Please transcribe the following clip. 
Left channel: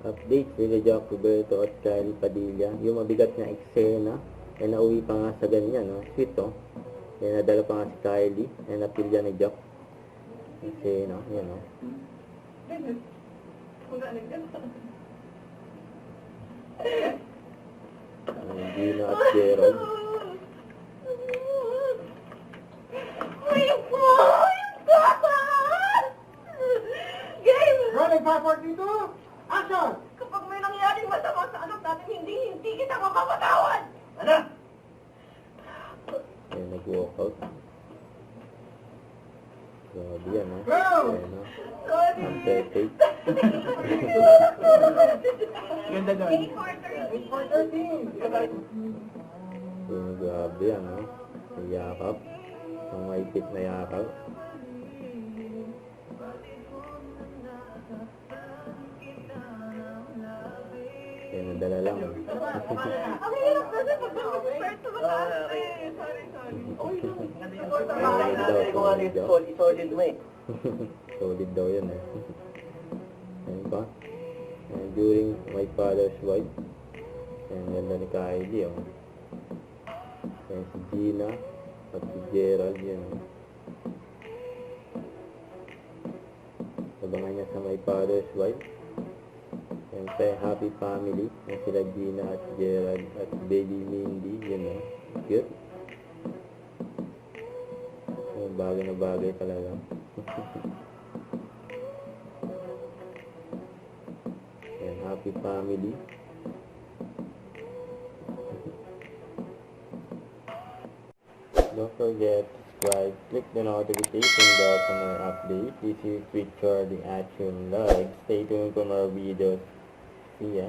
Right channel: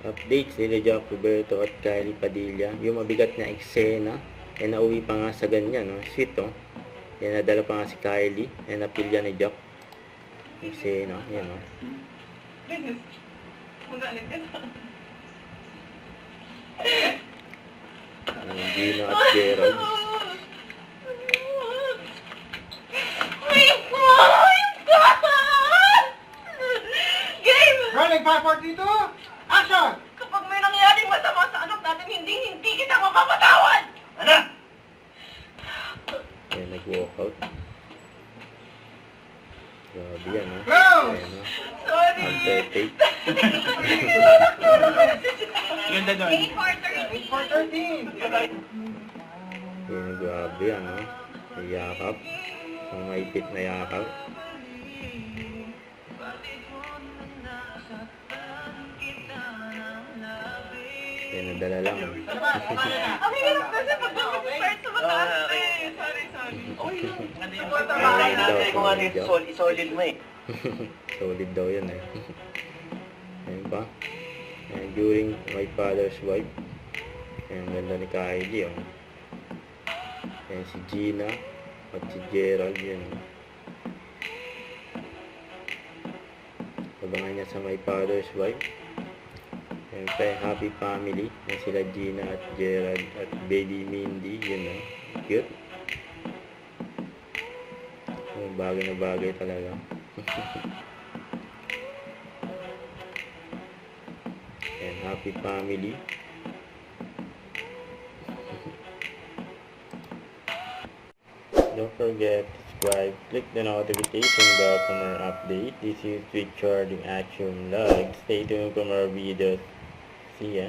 Updates nila Jack Roberto at Kylie Padilla. Yung mabigat na eksena. Nauwi pa nga sa ganyan. No? Sweet oh. Nadala pa nga si Kylie. Napilya ni Jack. Eksena. Yan oh. Gino at Gerald. Nagpaport dito! Action! Kapag may nangyaring masama sa anak natin, hindi kita mapapatawad! Ano? Nag-walkout. Grabe yan, ha? Go! Sorry! Perfect. Ganda doon. 8-4-13. Grabe yan, ha? Yakap. Mga ipit na yakap. Nadala lang. Ang hirap kasi pag start sa mataas eh. Sorry. Solid mo eh. Solid daw yun eh. Ayun pa. During my father's wife. Ayun, ganda ni Kylie oh. Ayun si Gina at si Gerald yun oh. Abangan niya sa my father's wife. Ayun pa happy family. Ayun sila Gina at Gerald at baby Mindy yun oh. Cute. Bagay na bagay talaga. And happy family. Don't forget to subscribe, click the notification bell for more updates. This is Richard the Action Vlog. Stay tuned for more videos. See ya.